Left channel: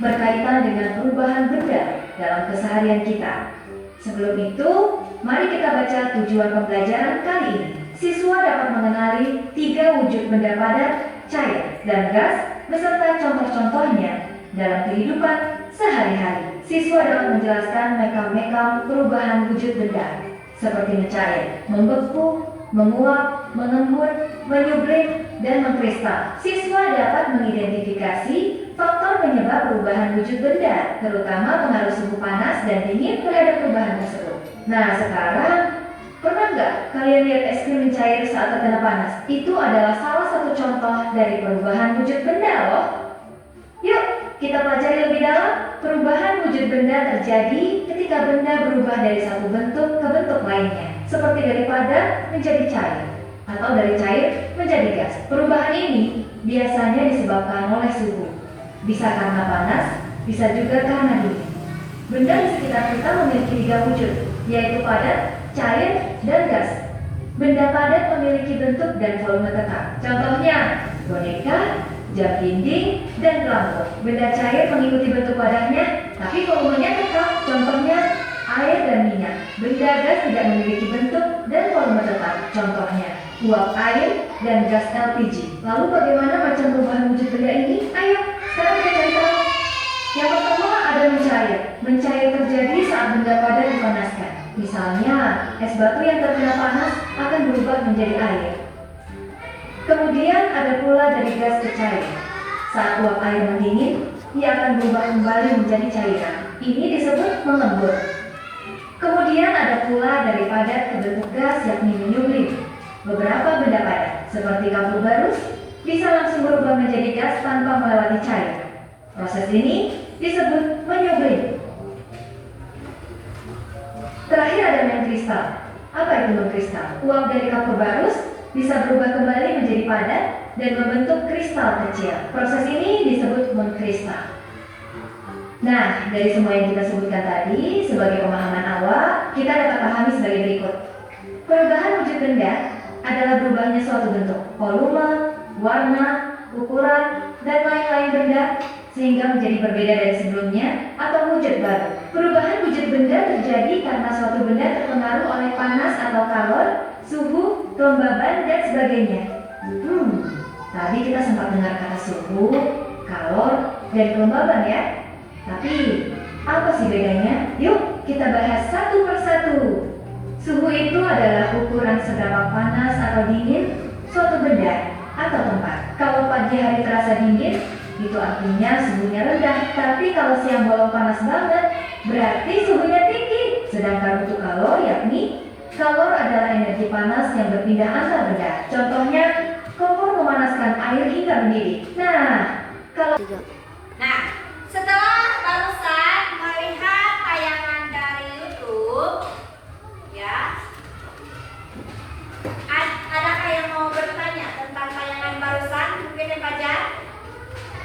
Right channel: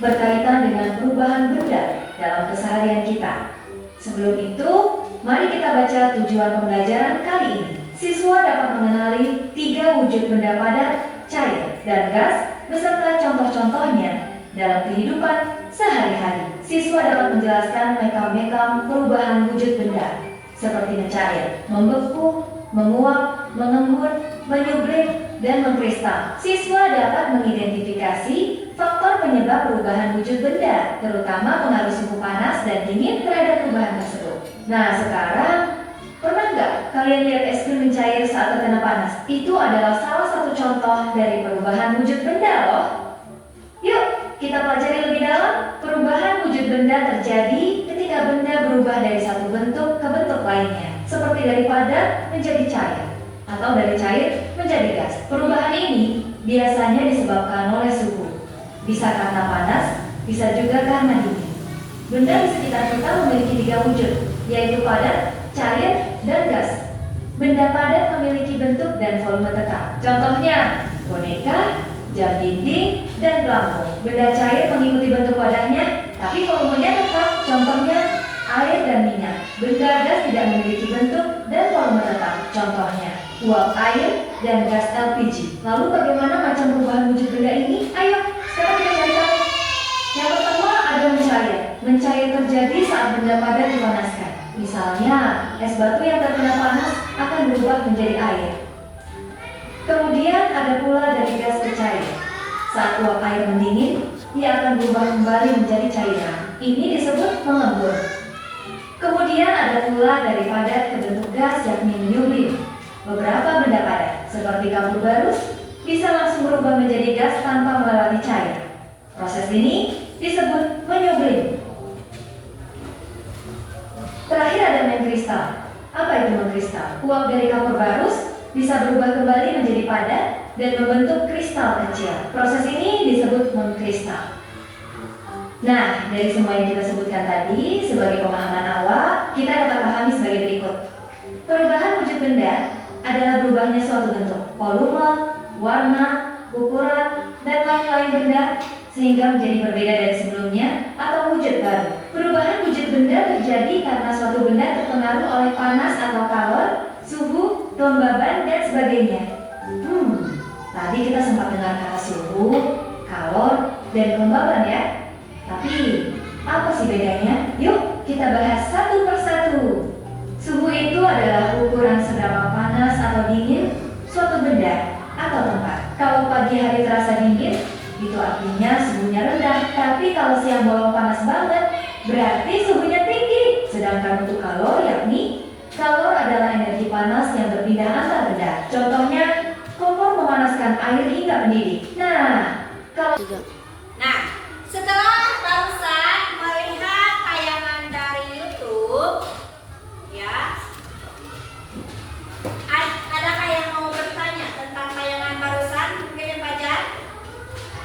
berkaitan dengan perubahan benda dalam keseharian kita. Sebelum itu, mari kita baca tujuan pembelajaran kali ini. Siswa dapat mengenali 3 wujud benda padat, cair, dan gas beserta contoh-contohnya dalam kehidupan sehari-hari. Siswa dapat menjelaskan mekam-mekam perubahan wujud benda seperti mencair, membeku, menguap, mengembun, menyublim, dan mengkristal. Siswa dapat mengidentifikasi faktor penyebab perubahan wujud benda, terutama pengaruh suhu panas dan dingin terhadap perubahan tersebut. Nah, sekarang pernah nggak kalian lihat es krim mencair saat terkena panas? Itu adalah salah satu contoh dari perubahan wujud benda loh. Yuk, kita pelajari lebih dalam. Perubahan wujud benda terjadi ketika benda berubah dari satu bentuk ke bentuk lainnya, seperti dari padat menjadi cair, atau dari cair menjadi gas. Perubahan ini biasanya disebabkan oleh suhu. Bisa karena panas, bisa juga karena dingin. Benda di sekitar kita memiliki 3 wujud, yaitu padat, cair, dan gas. Benda padat memiliki bentuk dan volume tetap. Contohnya, boneka, jam dinding, dan pelampung. Benda cair mengikuti bentuk wadahnya, tapi volumenya tetap. Contohnya, air dan minyak. Benda gas tidak memiliki bentuk dan volume tetap. Contohnya, uap air dan gas LPG. Lalu bagaimana macam perubahan wujud benda ini? Ayo, sekarang kita cari tahu. Yang pertama ada mencair. Mencair terjadi saat benda padat dipanaskan. Misalnya, es batu yang terkena panas akan berubah menjadi air. Kemudian ada pula dari gas ke cair. Saat uap air mendingin, ia akan berubah kembali menjadi cairan. Ini disebut mengembun. Kemudian ada pula dari padat ke bentuk gas yakni menyublim. Beberapa benda padat, seperti kapur barus, bisa langsung berubah menjadi gas tanpa melewati cair. Proses ini disebut menyublim. Terakhir ada mengkristal. Apa itu mengkristal? Uap dari kapur barus bisa berubah kembali menjadi padat dan membentuk kristal kecil. Proses ini disebut mengkristal. Nah, dari semua yang kita sebutkan tadi, sebagai pemahaman awal, kita dapat pahami sebagai berikut. Perubahan wujud benda adalah berubahnya suatu bentuk, volume, warna, ukuran, dan lain-lain benda sehingga menjadi berbeda dari sebelumnya atau wujud baru. Perubahan wujud benda terjadi karena suatu benda terpengaruh oleh panas atau kalor, suhu, kelembaban, dan sebagainya. Tadi kita sempat dengar kata suhu, kalor, dan kelembaban ya. Tapi, apa sih bedanya? Yuk, kita bahas satu persatu. Suhu itu adalah ukuran seberapa panas atau dingin suatu benda atau tempat. Kalau pagi hari terasa dingin, itu artinya suhunya rendah. Tapi kalau siang bolong panas banget, berarti suhunya tinggi. Sedangkan untuk kalor, yakni kalor adalah energi panas yang berpindah antar benda. Contohnya, kompor memanaskan air hingga mendidih. Setelah barusan melihat tayangan dari YouTube, ya, adakah yang mau bertanya tentang tayangan barusan? Mungkin yang Fajar?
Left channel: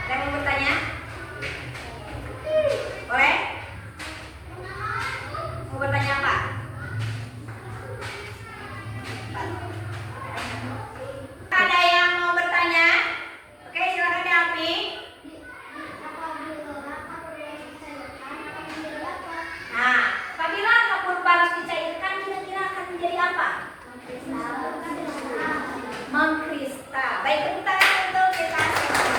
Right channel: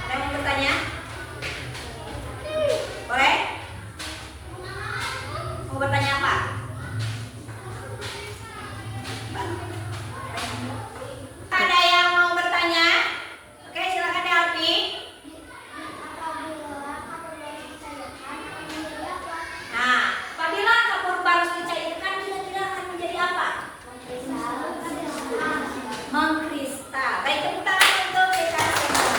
Ada yang mau bertanya? Boleh? Mau bertanya apa? Ada yang mau bertanya? Oke, silakan Delvi. Nah, apabila kapur barus dicairkan, kira-kira akan menjadi apa? Mengkristal. Baik, tepuk tangan untuk kita semua.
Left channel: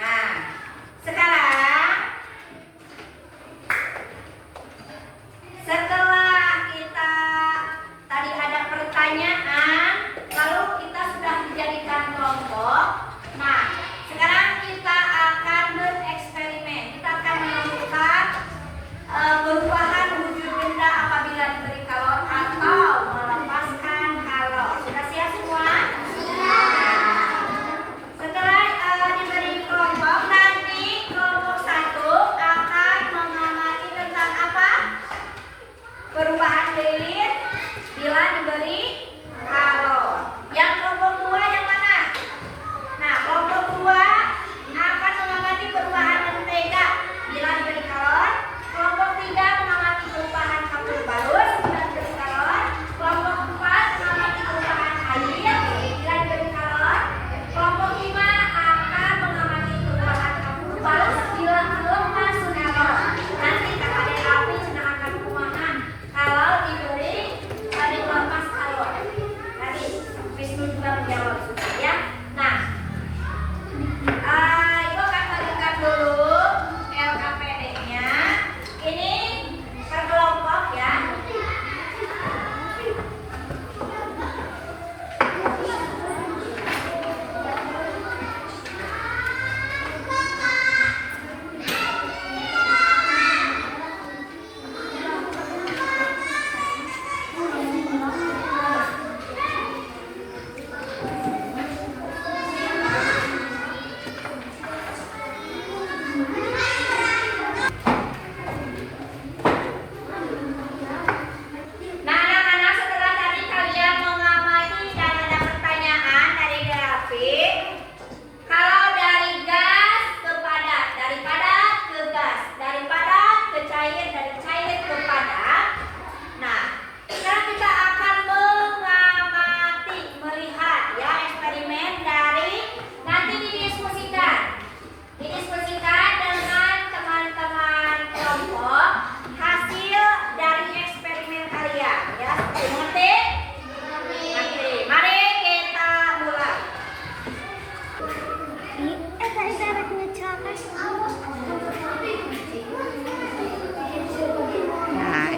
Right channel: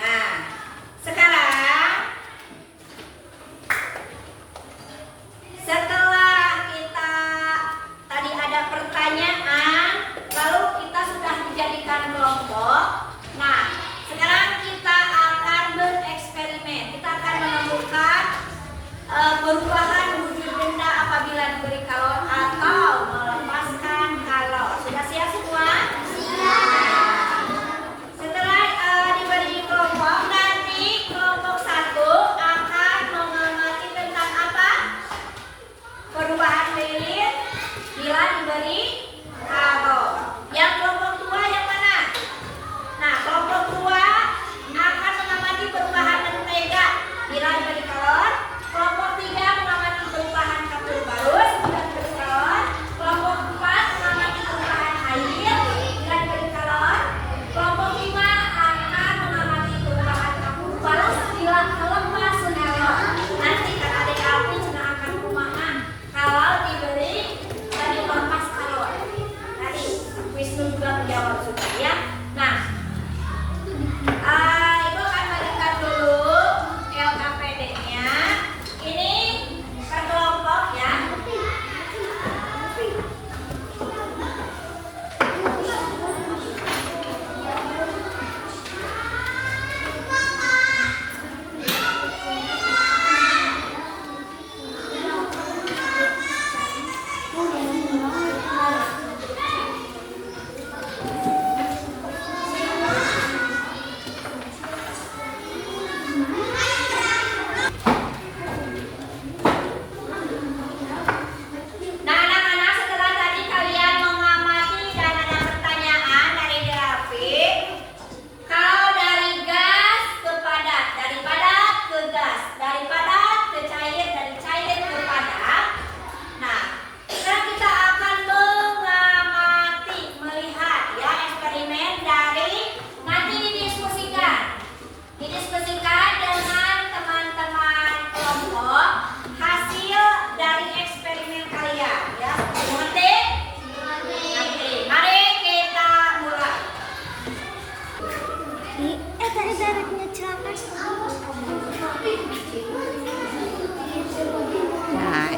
Nah, sekarang setelah kita tadi ada pertanyaan, lalu kita sudah dijadikan kelompok. Nah, sekarang kita akan bereksperimen. Kita akan menemukan perubahan wujud benda apabila diberi kalor atau melepaskan kalor. Sudah siap semua? Setelah diberi kelompok, nanti kelompok 1 akan mengamati tentang apa?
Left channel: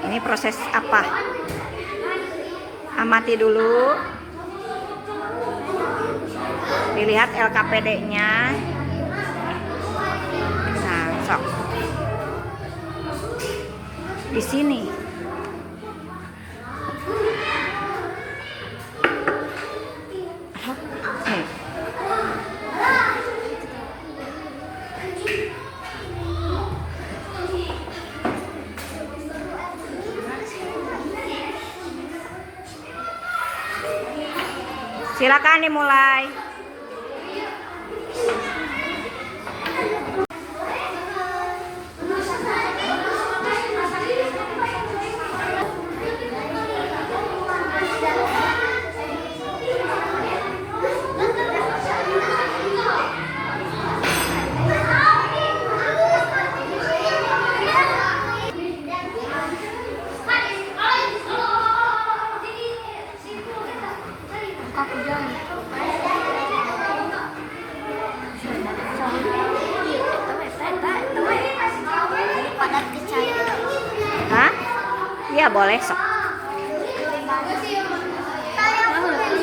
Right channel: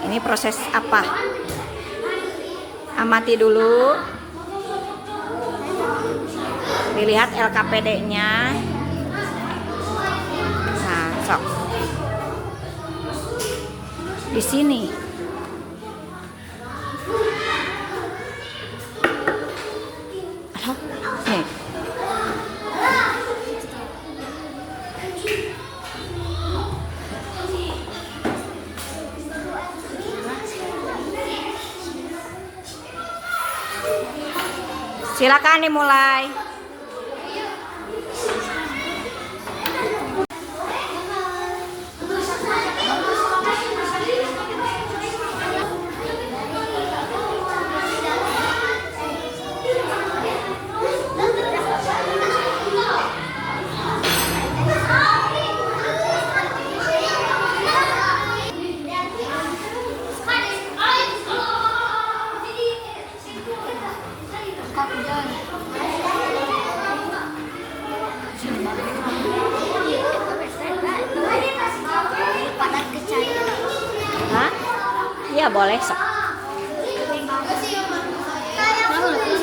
Ini proses apa? Amati dulu. Dilihat LKPD-nya. Nah, sok. Di sini. Nih. Silakan dimulai. Hah? Iya boleh sok.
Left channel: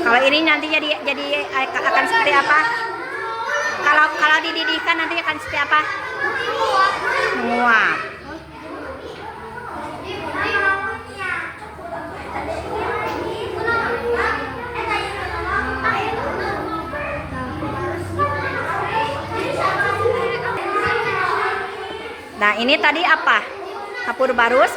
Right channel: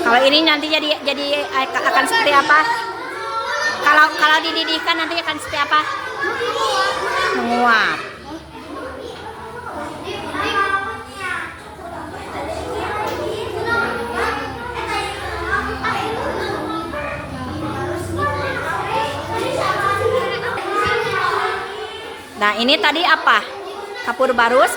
Kalau ini nanti jadi akan seperti apa? Kalau dididihkan nanti akan seperti apa? Menguap. Nah, ini tadi apa? Kapur barus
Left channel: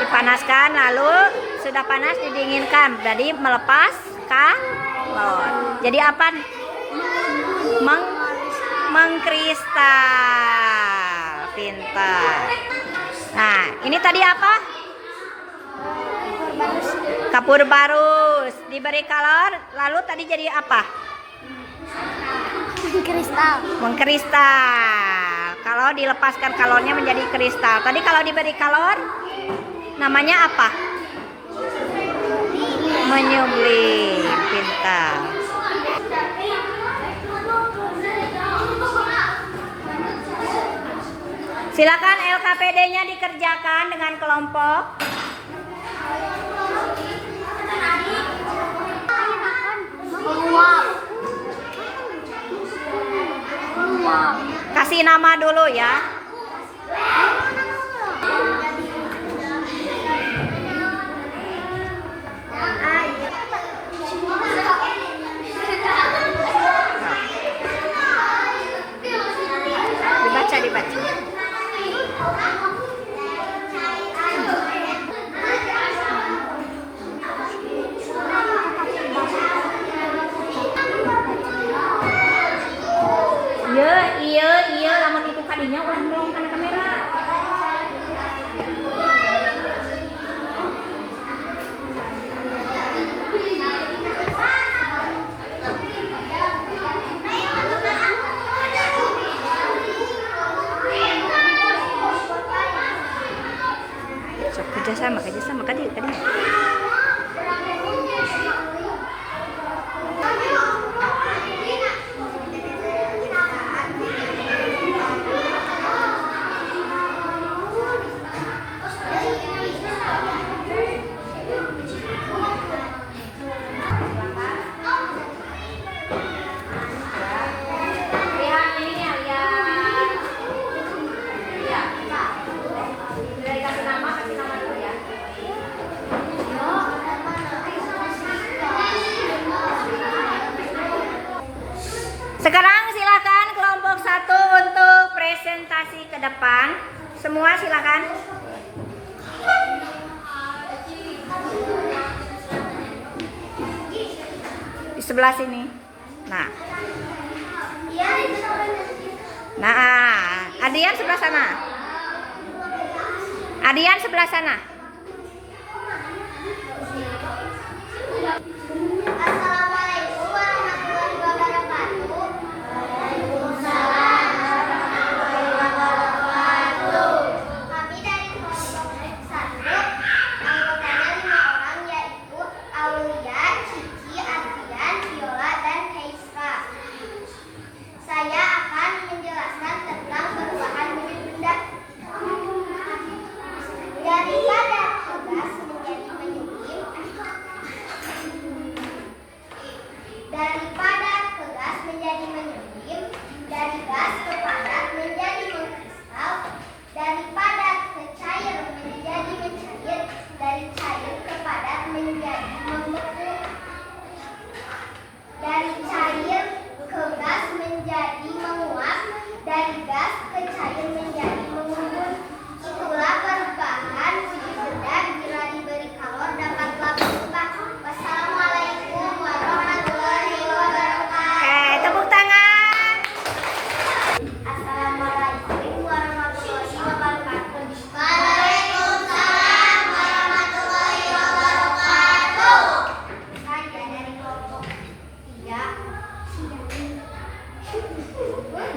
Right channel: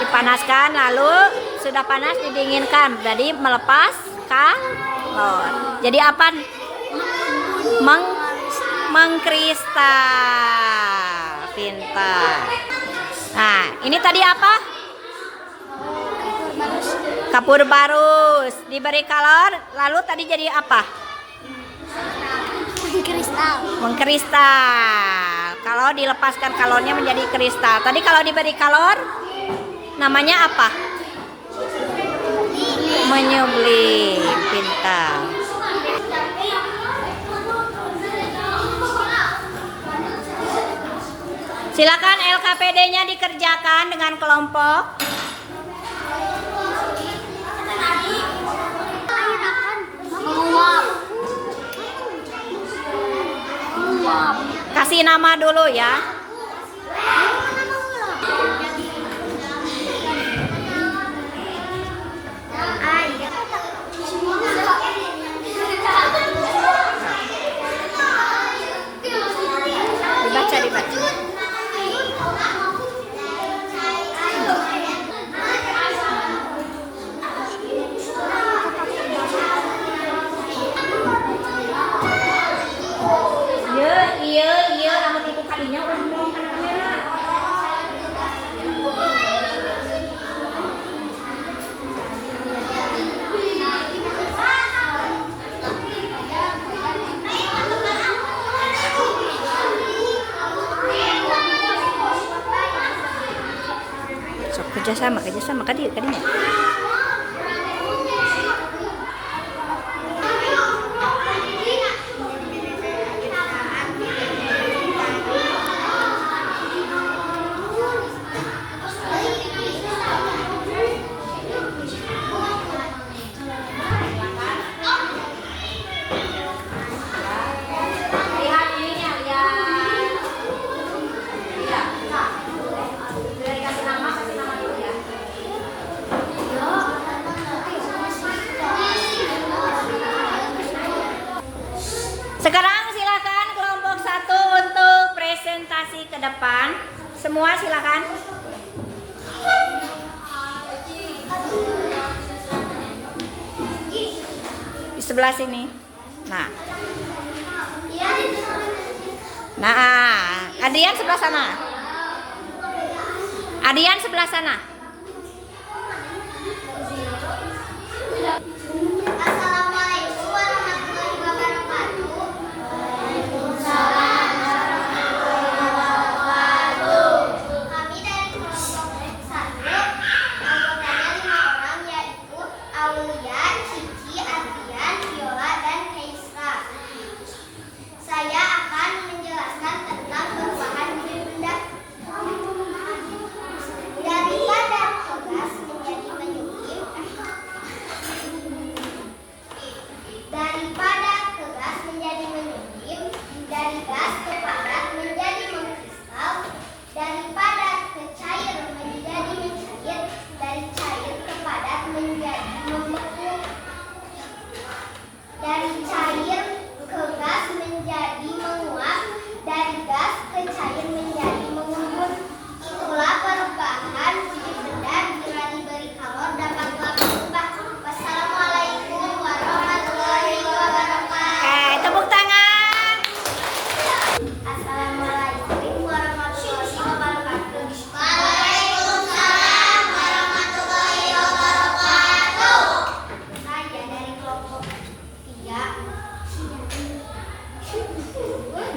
dipanaskan, lalu sudah panas didinginkan, jadi melepas kalor. Jadi apa? Mengkristal. Pintar. Nah, ini tadi apa? Kapur barus diberi kalor, lalu tadi jadi apa? Mengkristal. Kalau dilepaskan kalornya menjadi kristal. Tadi kalau diberi kalor namanya apa? Menyublim. Pintar. Silakan LKPD-nya dikerjakan dengan kelompok. Kasih nama dulu ya. Dibaca. Iya, amat itu tadinya orang belum kan kamera. Sok kerjasama tadinya. Sekarang silakan kelompok 1 untuk presentasi ke depan. Semua silakan. Di sebelah sini. Nah, Adrian sebelah sana. Assalamualaikum warahmatullahi wabarakatuh. Kami dari kelompok 1, anggotanya 5 orang, yaitu Aulia, Cici, Adrian, Viola, dan Kaisra. Saya akan menjelaskan tentang perubahan wujud benda. Dari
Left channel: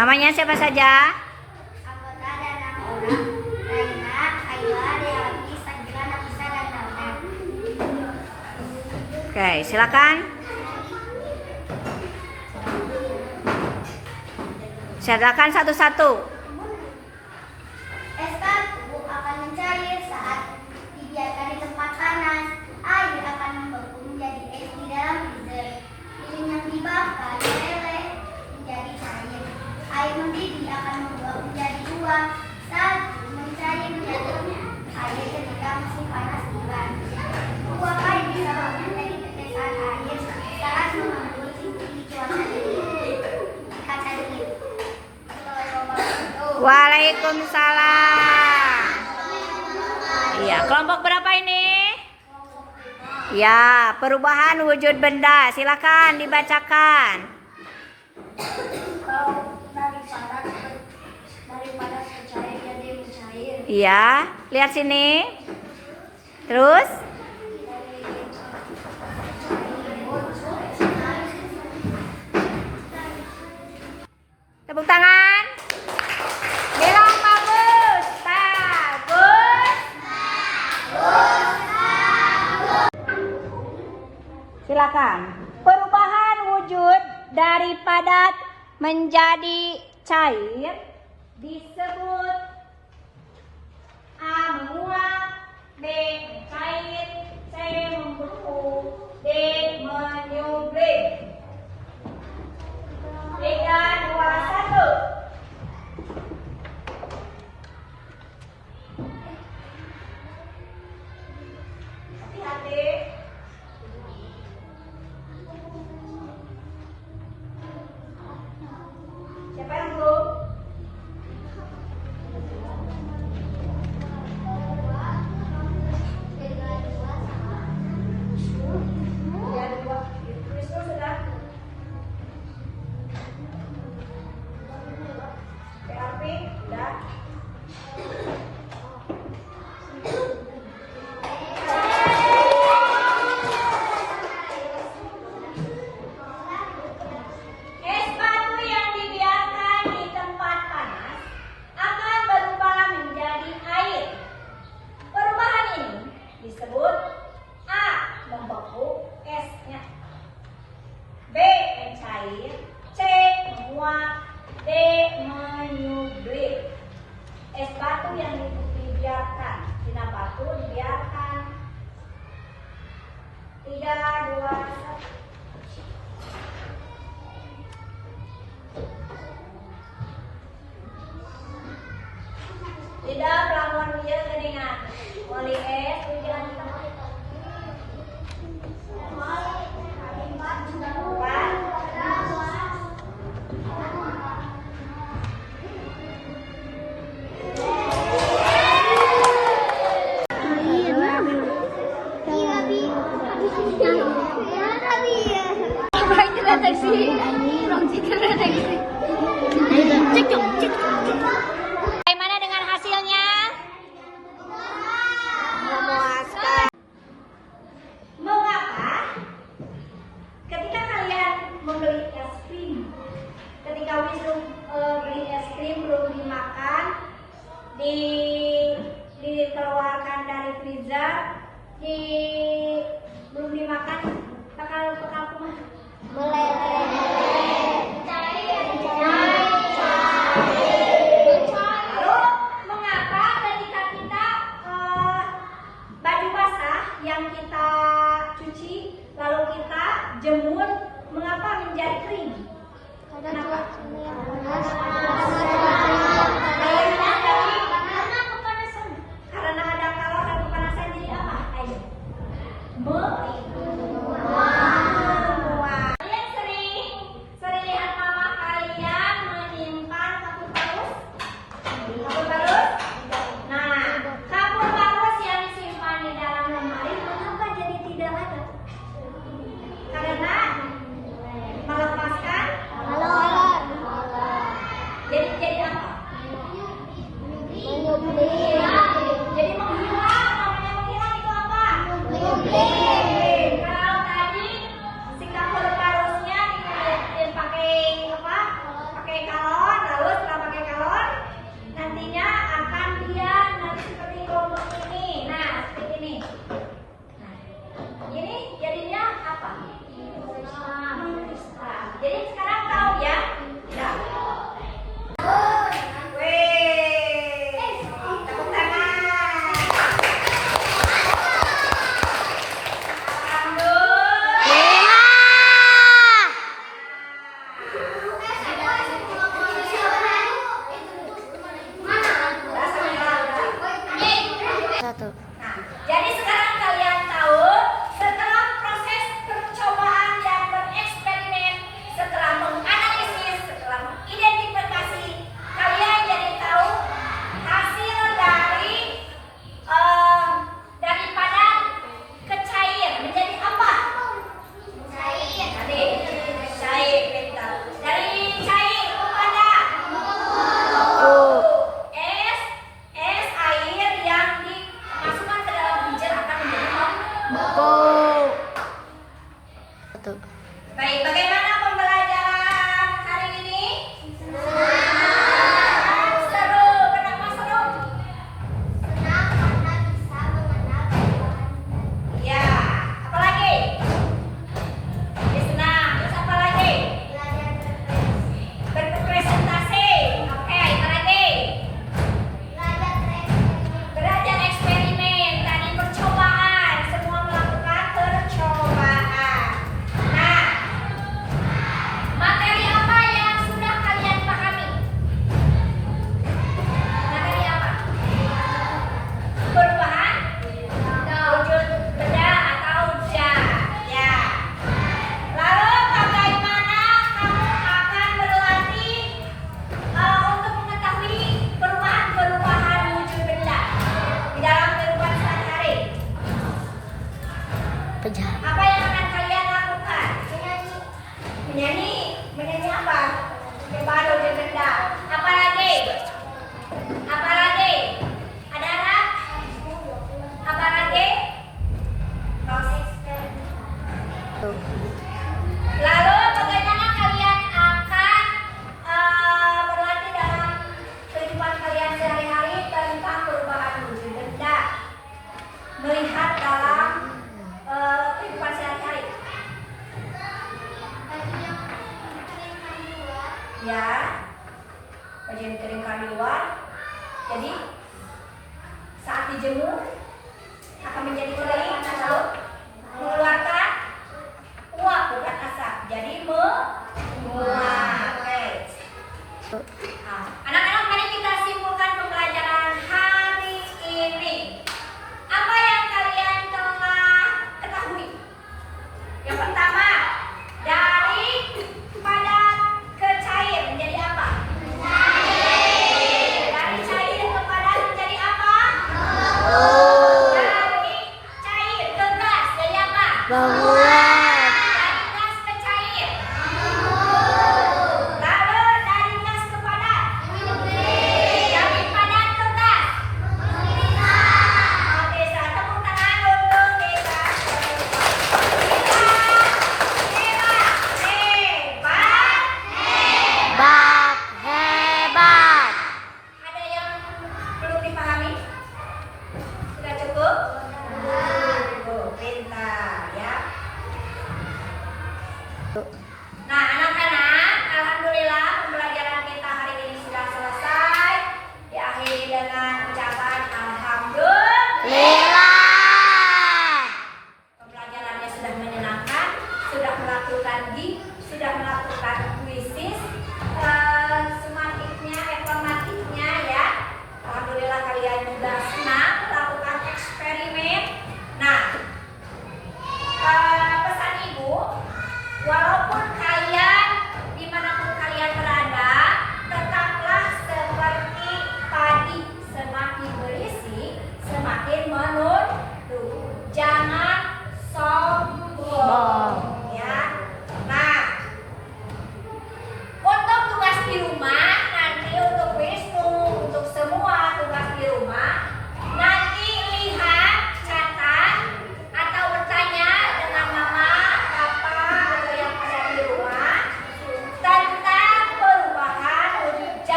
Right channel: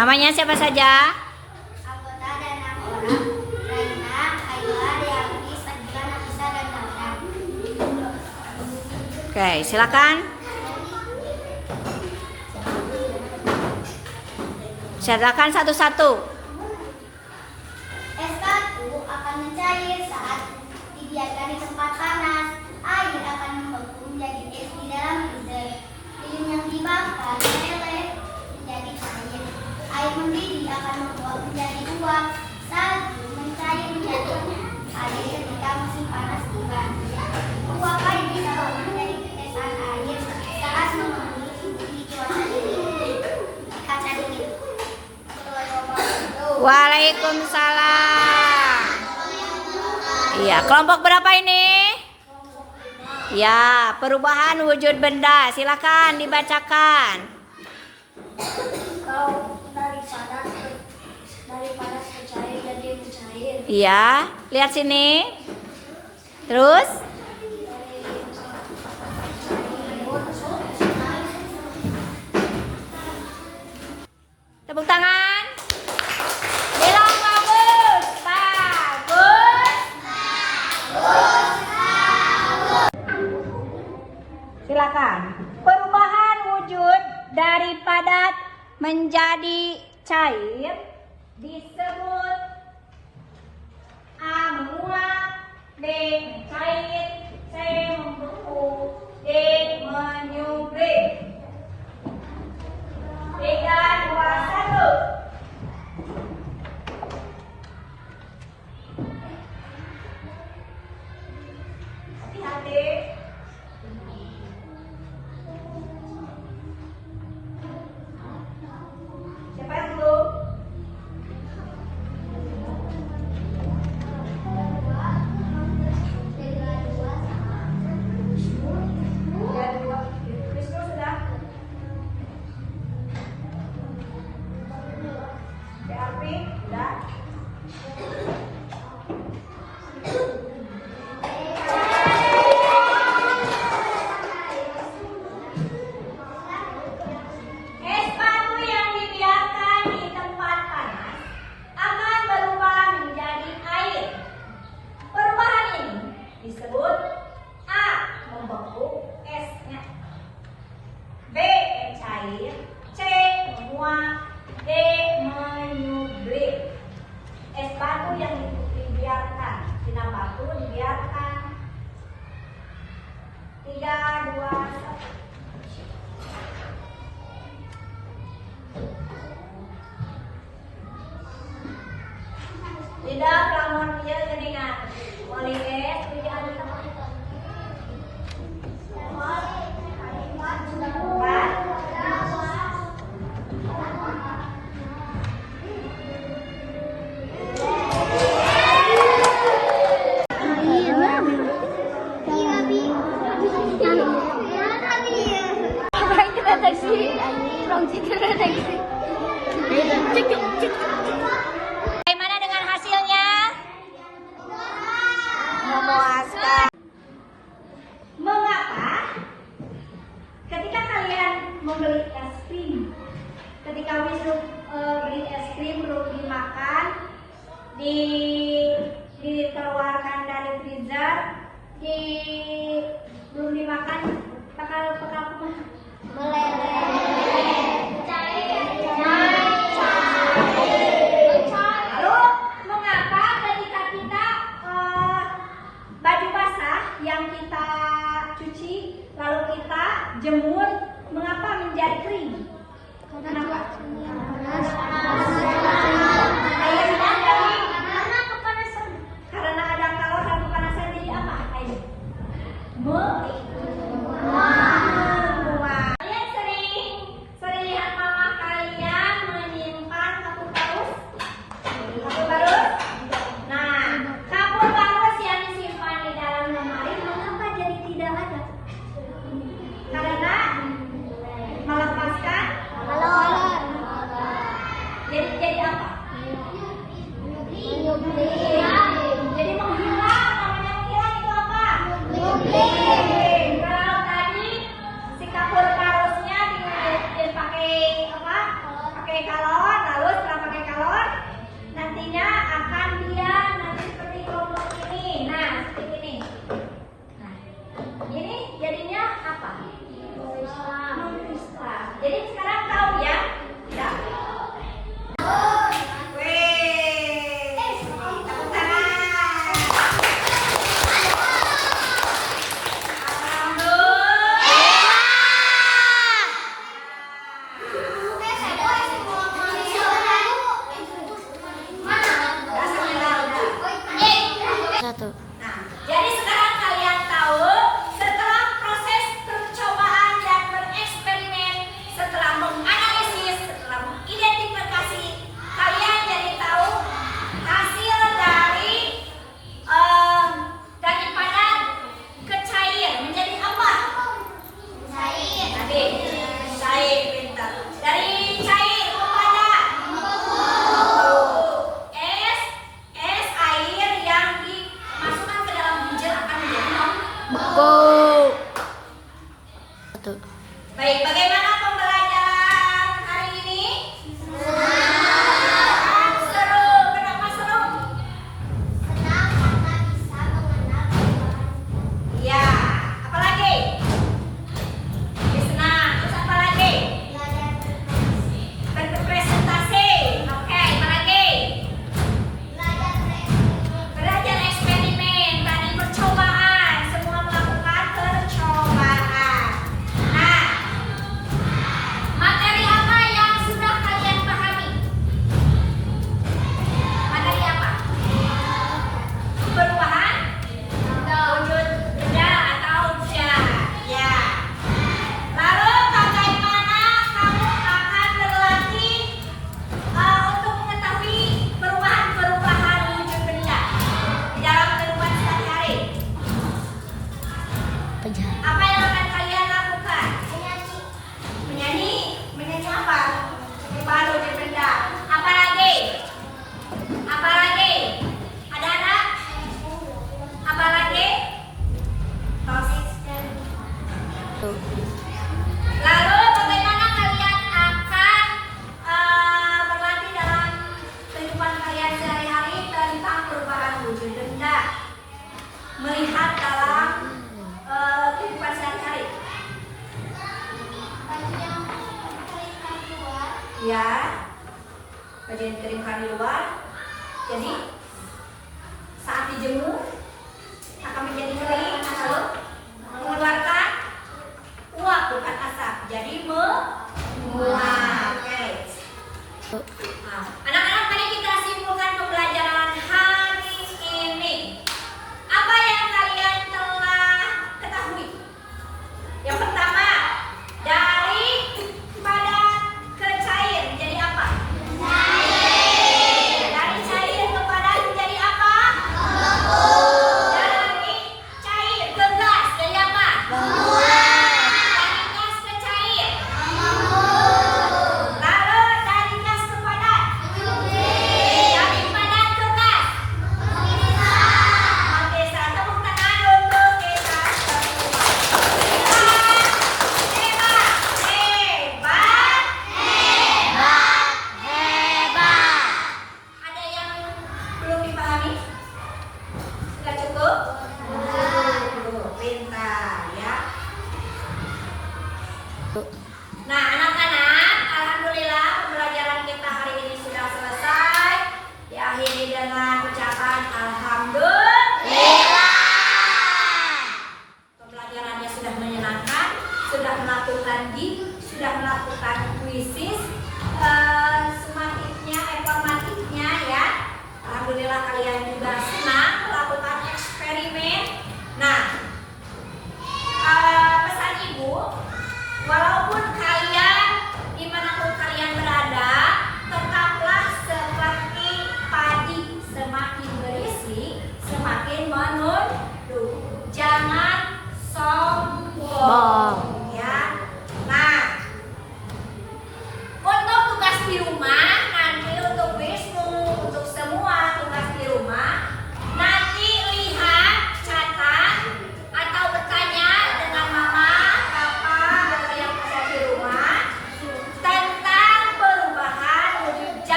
Namanya siapa saja? Anggota ada 6 orang. Raina, Ayla, Dewi, Sagila, Nafisa, dan Tautan. Oke, silakan. Silakan satu-satu. Es batu akan mencair saat dibiarkan di tempat panas. Air akan membeku menjadi es di dalam freezer. Lilin yang dibakar meleleh menjadi cair. Air mendidih akan membuat menjadi uap. Salju mencair menjadi air ketika musim panas tiba. Uap air bisa berubah menjadi tetesan air saat mengembun di cuaca dingin. Kaca dingin. Waalaikumsalam. Iya, kelompok berapa ini? Ya, perubahan wujud benda. Silakan dibacakan. Dari panas ke cair jadi mencair. Iya, lihat sini. Terus? Tepuk tangan. Bilang bagus. Bagus. Silakan. Perubahan wujud dari padat menjadi cair disebut A. menguap, B. mencair, C. membeku, D. menyublim. 3, 2, 1. Hati-hati. Siapa yang belum? Es batu yang dibiarkan di tempat panas akan berubah menjadi air. Perubahan ini disebut A. membeku esnya, B. mencair, C. menguap, D. menyublim. Es batu yang dibiarkan, sinar batu dibiarkan. 3, 2, 1. Tidak pelamun dia seningan. Wali es ujian Bagaimana dengan hasilnya? Memuaskan. Mengapa ketika kalian membeli es krim, ketika Wisnu beli es krim belum dimakan, dikeluarkan dari freezer, belum dimakan, pekal Lalu mengapa ketika kita baju basah yang kita cuci lalu kita jemur, mengapa menjadi kering? Kenapa? Airnya jadi karena ada kawat dan kepanasan, jadi apa air? Kalian sering lihat mama kalian menyimpan kapur barus? Kapur barus? Nah, kapur barus yang disimpan di dalam lemari mengapa jadi tidak ada? Karena melepaskan. Jadi apa? Jadi menghilang. Namanya menghilang itu apa? Jadi sekarang kalian tahu setelah proses percobaan dan bereksperimen, setelah menganalisis, setelah mengidentifikasi, kalian jadi tahu hasil daripada ke cair menjadi apa? Cair. Tadi cair, pintar. Dari cair kepada es air yang dimasukkan ke dalam hujan akan menjadi baik. Bagaimana pembelajaran hari ini? Seru. Kenapa seru? Senang karena bisa mengenal perubahan. Ya. Apalagi? Senang. Terus apa lagi? Belajar Berpresentasi. Oke. Apa lagi? Belajar eksperimen, tadi percobaan, semua melakukan percobaan. Nah, materi apa yang sudah kalian pahami? Materi apa? Perubahan wujud benda atau zat. Ya. Lalu bagaimana kamu akan berlatih untuk mengetahui perubahan-perubahan wujud benda di dalam kehidupan sehari-hari? Apa yang akan kalian lakukan? Menyanyi. Menyanyi apa? Perubahan wujud benda. Apa lagi? Apa lagi? Ada anak? Apa lagi? Lalu bagaimana kalian akan berlatih dalam kehidupan kalian sehari-hari tentang perubahan wujud benda? Melihat dalam kehidupan sehari-hari. Ya, kajian kirimkan di luar. Jadi saat dijemur